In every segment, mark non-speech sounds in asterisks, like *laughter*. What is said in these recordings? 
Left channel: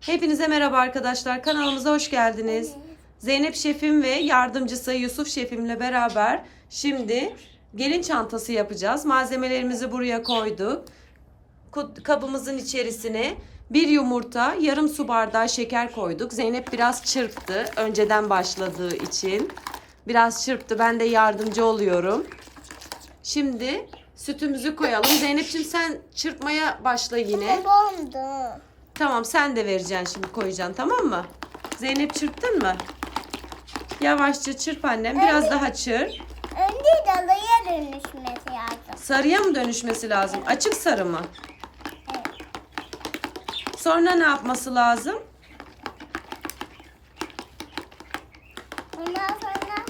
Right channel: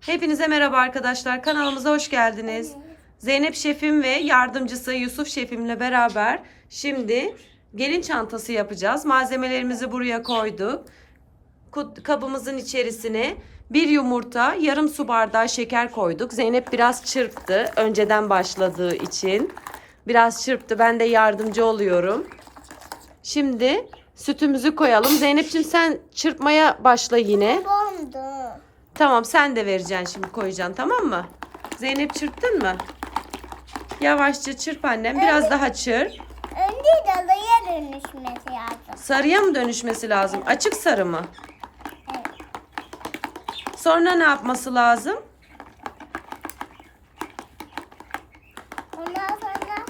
Hepinize merhaba arkadaşlar. Kanalımıza hoş geldiniz. Zeynep şefim ve yardımcısı Yusuf şefimle beraber şimdi gelin çantası yapacağız. Malzemelerimizi buraya koyduk. Kabımızın içerisine bir yumurta, yarım su bardağı şeker koyduk. Zeynep biraz çırptı önceden başladığı için. Biraz çırptı. Ben de yardımcı oluyorum. Şimdi sütümüzü koyalım. Zeynep'ciğim sen çırpmaya başla yine. Bondu. Tamam sen de vereceksin şimdi koyacaksın tamam mı? Zeynep çırptın mı? Yavaşça çırp annem. Biraz daha çırp. Önce dalıya dönüşmesi lazım. Sarıya mı dönüşmesi lazım? Açık sarı mı? Evet. Sonra ne yapması lazım? Ondan sonra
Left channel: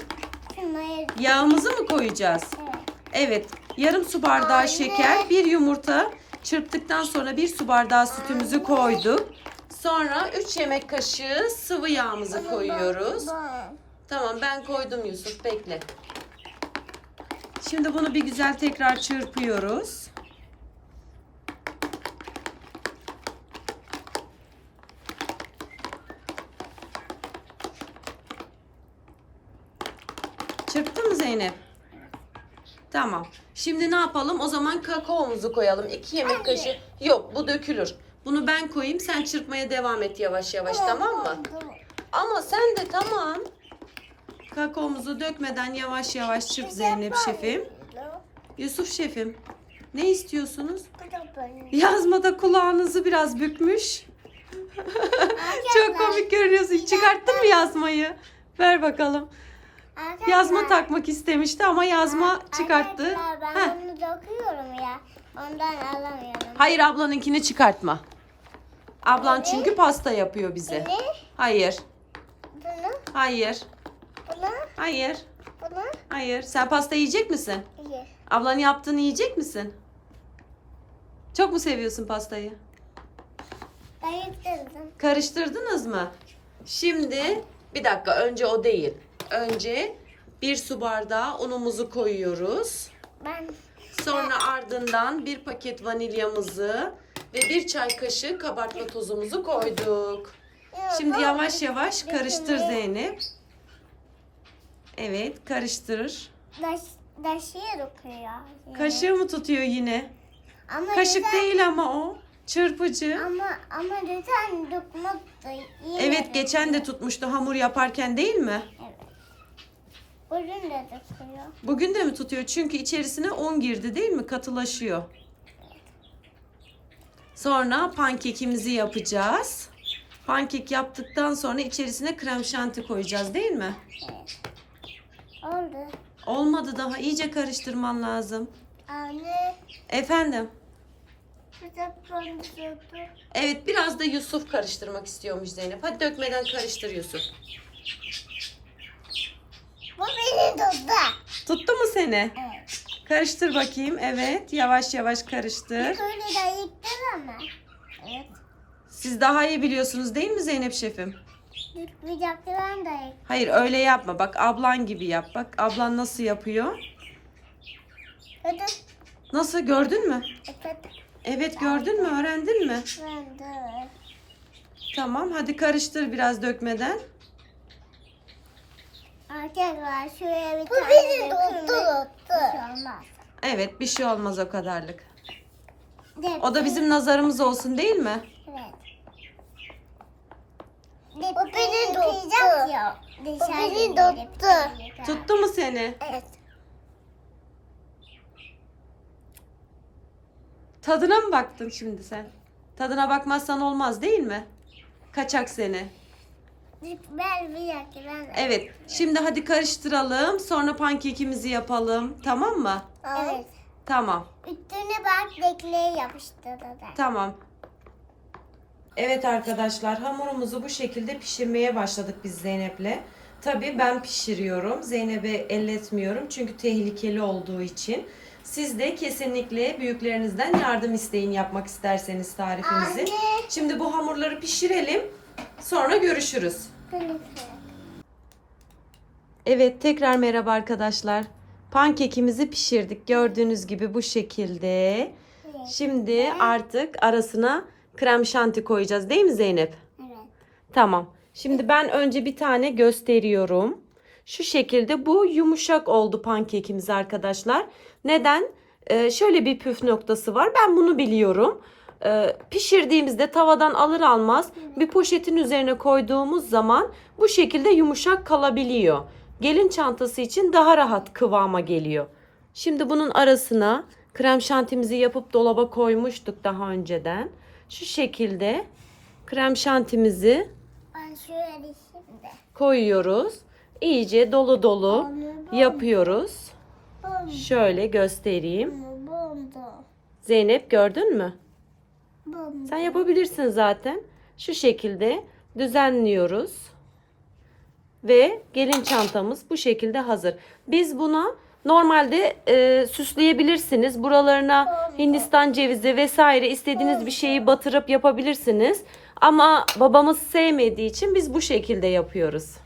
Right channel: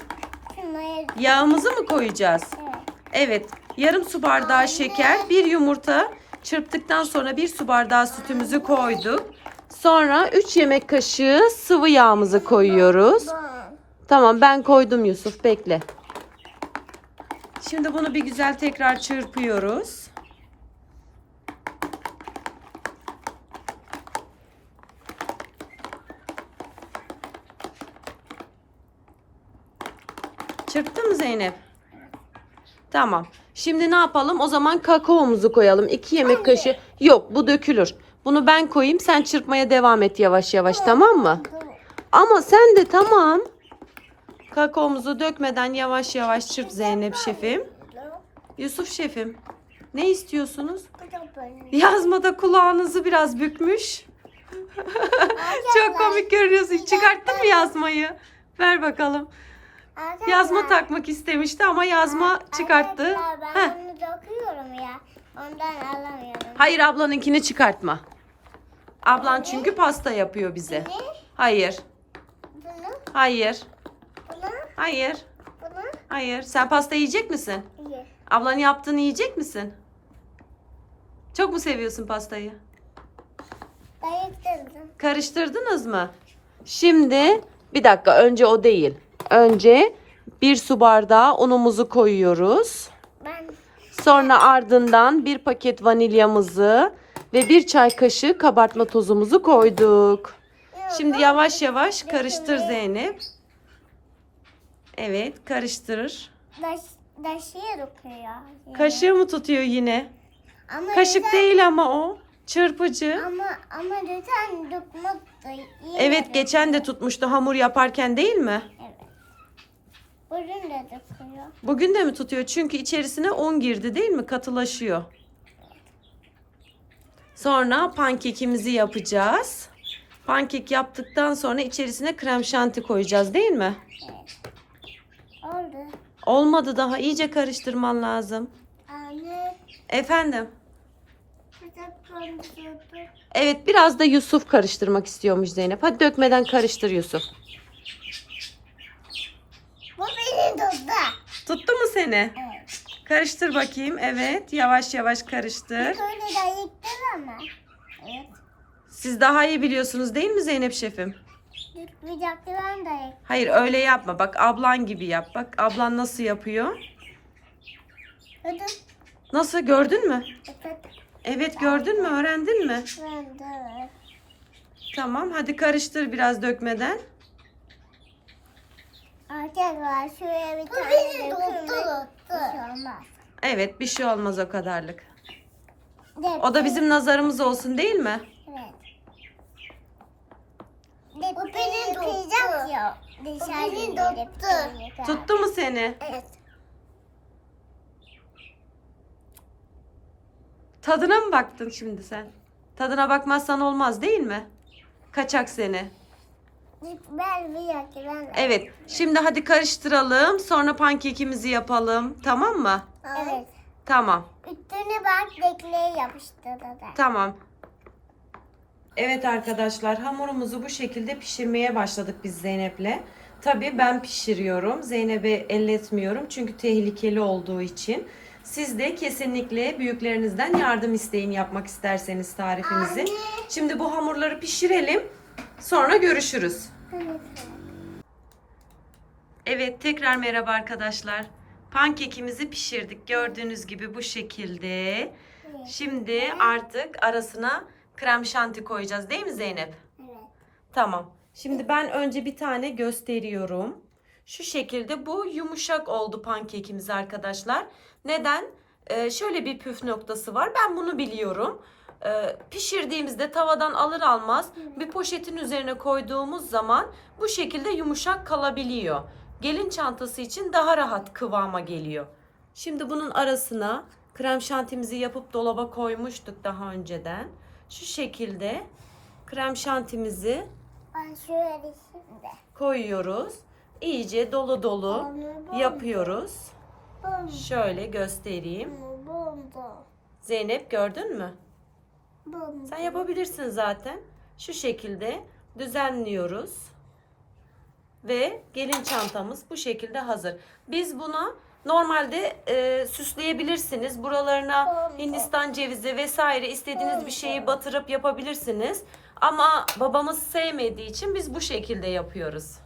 şunları Yağımızı mı koyacağız? evet. Evet. Yarım su bardağı şeker, bir yumurta. Çırptıktan sonra bir su bardağı sütümüzü koyduk. Sonra 3 yemek kaşığı sıvı yağımızı koyuyoruz. Tamam ben koydum Yusuf bekle. Şimdi bunu bir güzel tekrar çırpıyoruz. Çırptın mı Zeynep? Tamam. Şimdi ne yapalım? O zaman kakaomuzu koyalım. 2 yemek kaşığı. Yok bu dökülür. Bunu ben koyayım. Sen çırpmaya devam et yavaş yavaş tamam mı? Ama sen de tamam. Kakaomuzu dökmeden yavaş yavaş çırp Zeynep şefim. Yusuf şefim. Ne istiyorsunuz? Yazmada kulağınızı biraz bükmüş. *laughs* Çok komik görünüyorsun. Çıkarttın mı yazmayı? Ver bakalım. Yazma takmak istemişti ama yazma çıkarttı. Arkadaşlar, Heh. ben bunu dokuyorum ya. Ondan alamıyorum. Hayır ablanınkini çıkartma. Ablan çünkü pasta yapıyor bize. Ne? Hayır. Bunu, Hayır. bunu, Hayır. bunu. Hayır. Sen pasta yiyecek misin? İyi. Ablanın yaptığını yiyecek misin? Çok mu seviyorsun pastayı? Ayıktırdım. Karıştırdınız mı? Şimdi bir dakika önce o değil. Önce bir su bardağı unumuzu koyuyoruz. Ben Sonra ardından bir paket vanilyamızı ve bir çay kaşığı kabartma tozumuzu koyduk. Şimdi yavaş yavaş karıştır Zeynep. Evet karıştırır. Daş, daşıya dokuyor. Kaşığı mı tutuyor yine? Ama Kaşık lütfen- değil ama o. Çırpıcı. Ama ama lütfen dokmak da iyi. Evet geçen de tutmuştu hamur yaparken değil mi? Evet. Bugün de dokuyor. Bugün de mi tutuyor? Çünkü içerisine un girdi değil mi? Katılaşıyor. Sonra pankekimizi yapacağız. Pankek yaptıktan sonra içerisine krem şanti koyacağız değil mi? Evet. Oldu. Olmadı daha iyice karıştırman lazım. Anne. Efendim? Evet biraz da Yusuf karıştırmak istiyormuş Zeynep. Hadi dökmeden karıştır Yusuf. Bu beni tuttu. Tuttu mu seni? Evet. Karıştır bakayım. Evet yavaş yavaş karıştır. Böyle de yıktın ama. Evet. Siz daha iyi biliyorsunuz değil mi Zeynep şefim? Yıkmayacaktı ben de yıktım. Hayır öyle yapma. Bak ablan gibi yap. Bak ablan nasıl yapıyor. Hadi. Nasıl gördün mü? Evet. Evet gördün mü? Öğrendin mi? De. Tamam hadi karıştır biraz dökmeden. Arkadaşlar şuraya bir tane dökülmek bir şey olmaz. Evet bir şey olmaz o kadarlık. Evet. O da bizim nazarımız olsun değil mi? Evet. Bu beni tuttu. Ya. Dışarı beni tuttu. Tuttu mu seni? Evet. Tadına mı baktın şimdi sen? Tadına bakmazsan olmaz değil mi? Kaçak seni. Ben bir dakika ben de. Evet şimdi hadi karıştıralım. Sonra pankekimizi yapalım. Tamam mı? Evet. Tamam. Üstüne bak dekliğe yapıştırdı. Tamam. Evet arkadaşlar hamurumuzu bu şekilde pişirmeye başladık biz Zeynep'le. Tabii ben pişiriyorum. Zeynep'e elletmiyorum çünkü tehlikeli olduğu için. Siz de kesinlikle büyüklerinizden yardım isteyin yapmak isterseniz tarifimizi. Anne. Şimdi bu hamurları pişirelim. Sonra görüşürüz. Evet tekrar merhaba arkadaşlar. Pankekimizi pişirdik. Gördüğünüz gibi bu şekilde. Şimdi artık arasına krem şanti koyacağız değil mi Zeynep? Evet. Tamam. Şimdi ben önce bir tane gösteriyorum. Şu şekilde bu yumuşak oldu pankekimiz arkadaşlar. Neden? Ee, şöyle bir püf noktası var. Ben bunu biliyorum. Ee, pişirdiğimizde tavadan alır almaz bir poşetin üzerine koyduğumuz zaman bu şekilde yumuşak kalabiliyor. Gelin çantası için daha rahat kıvama geliyor. Şimdi bunun arasına krem şantimizi yapıp dolaba koymuştuk daha önceden. Şu şekilde krem şantimizi Ben şöyle şimdi. koyuyoruz. İyice dolu dolu Onu yapıyoruz. Bum, Şöyle göstereyim. bum, Zeynep gördün mü? Bum. Sen yapabilirsin zaten. Şu şekilde düzenliyoruz. Ve gelin çantamız bu şekilde hazır. Biz buna normalde e, süsleyebilirsiniz. Buralarına Hindistan cevizi vesaire istediğiniz bir şeyi batırıp yapabilirsiniz. Ama babamız sevmediği için biz bu şekilde yapıyoruz.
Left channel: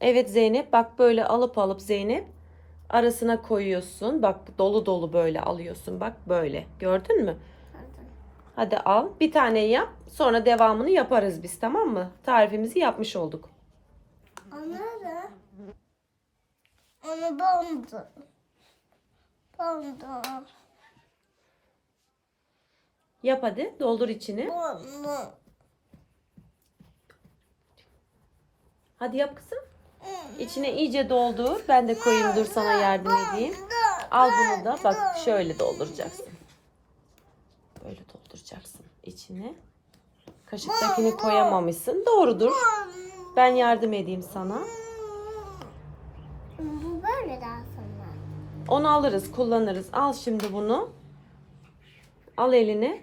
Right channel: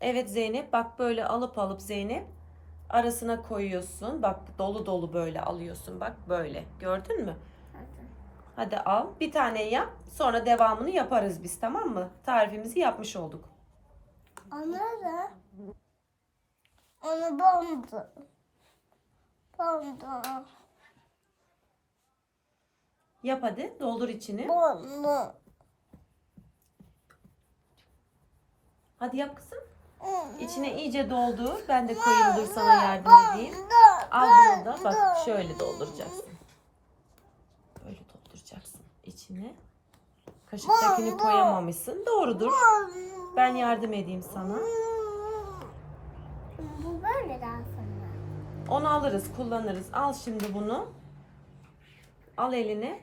Evet Zeynep bak böyle alıp alıp Zeynep arasına koyuyorsun. Bak dolu dolu böyle alıyorsun. Bak böyle. Gördün mü? Hadi al. Bir tane yap. Sonra devamını yaparız biz tamam mı? Tarifimizi yapmış olduk. Onu da onu bondu. Bondu. Yap hadi. Doldur içini. Bondu. Hadi yap kızım. İçine iyice doldur. Ben de koyayım dur sana yardım edeyim. Al bunu da bak şöyle dolduracaksın. Böyle dolduracaksın içine. Kaşıktakini koyamamışsın. Doğrudur. Ben yardım edeyim sana. Bu böyle daha sonra. Onu alırız, kullanırız. Al şimdi bunu. Al eline.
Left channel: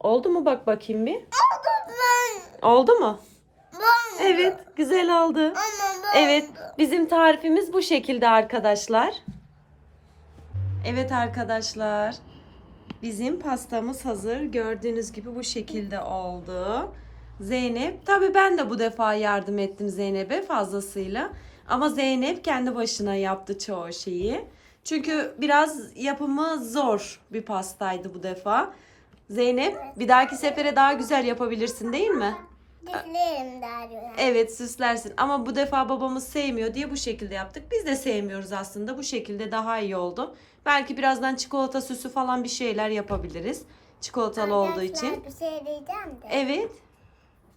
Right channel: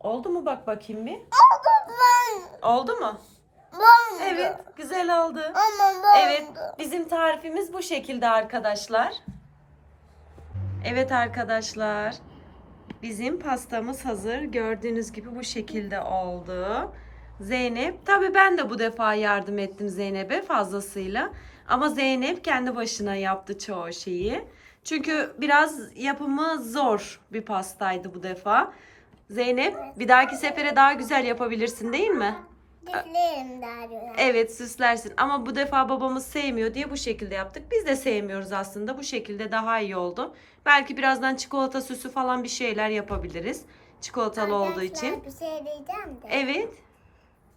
Oldu mu bak bakayım bir. Oldu ben. Oldu mu? Bondu. Evet, güzel oldu. Ama bondu. Evet, bizim tarifimiz bu şekilde arkadaşlar. Evet arkadaşlar. Bizim pastamız hazır. Gördüğünüz gibi bu şekilde oldu. Zeynep, tabii ben de bu defa yardım ettim Zeynep'e fazlasıyla. Ama Zeynep kendi başına yaptı çoğu şeyi. Çünkü biraz yapımı zor bir pastaydı bu defa. Zeynep, bir dahaki sefere daha güzel yapabilirsin değil mi? Diklerim derler. Evet süslersin ama bu defa babamız sevmiyor diye bu şekilde yaptık. Biz de sevmiyoruz aslında. Bu şekilde daha iyi oldu. Belki birazdan çikolata süsü falan bir şeyler yapabiliriz. Çikolatalı olduğu için. Arkadaşlar bir şey diyeceğim de. Evet.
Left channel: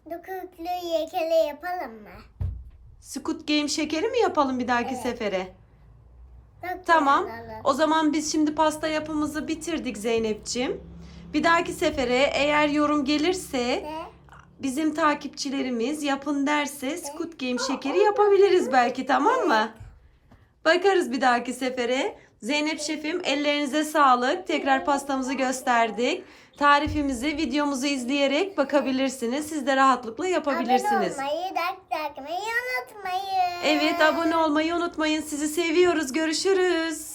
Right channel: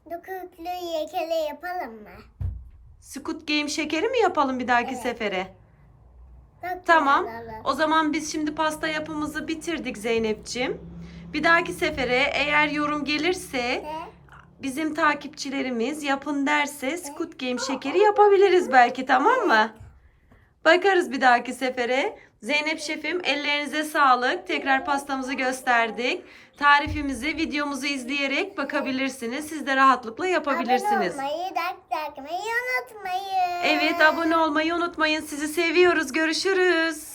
Dokuklu yekele yapalım mı? Squid Game şekeri mi yapalım bir dahaki Evet. sefere? Çok Tamam. güzel olur. O zaman biz şimdi pasta yapımızı bitirdik Zeynep'ciğim. Bir dahaki sefere eğer yorum gelirse Ve bizim takipçilerimiz yapın derse Squid Game şekeri yapabiliriz belki tamam mı? Bakarız bir dahaki sefere. Zeynep şefim ellerinize sağlık. Tekrar pastamızı gösterdik. Tarifimizi videomuzu izleyerek bakabilirsiniz. Siz de rahatlıkla yapabilirsiniz. Abone olmayı, like takmayı unutmayın. Evet abone olmayı unutmayın. Sizi seviyoruz. Görüşürüz.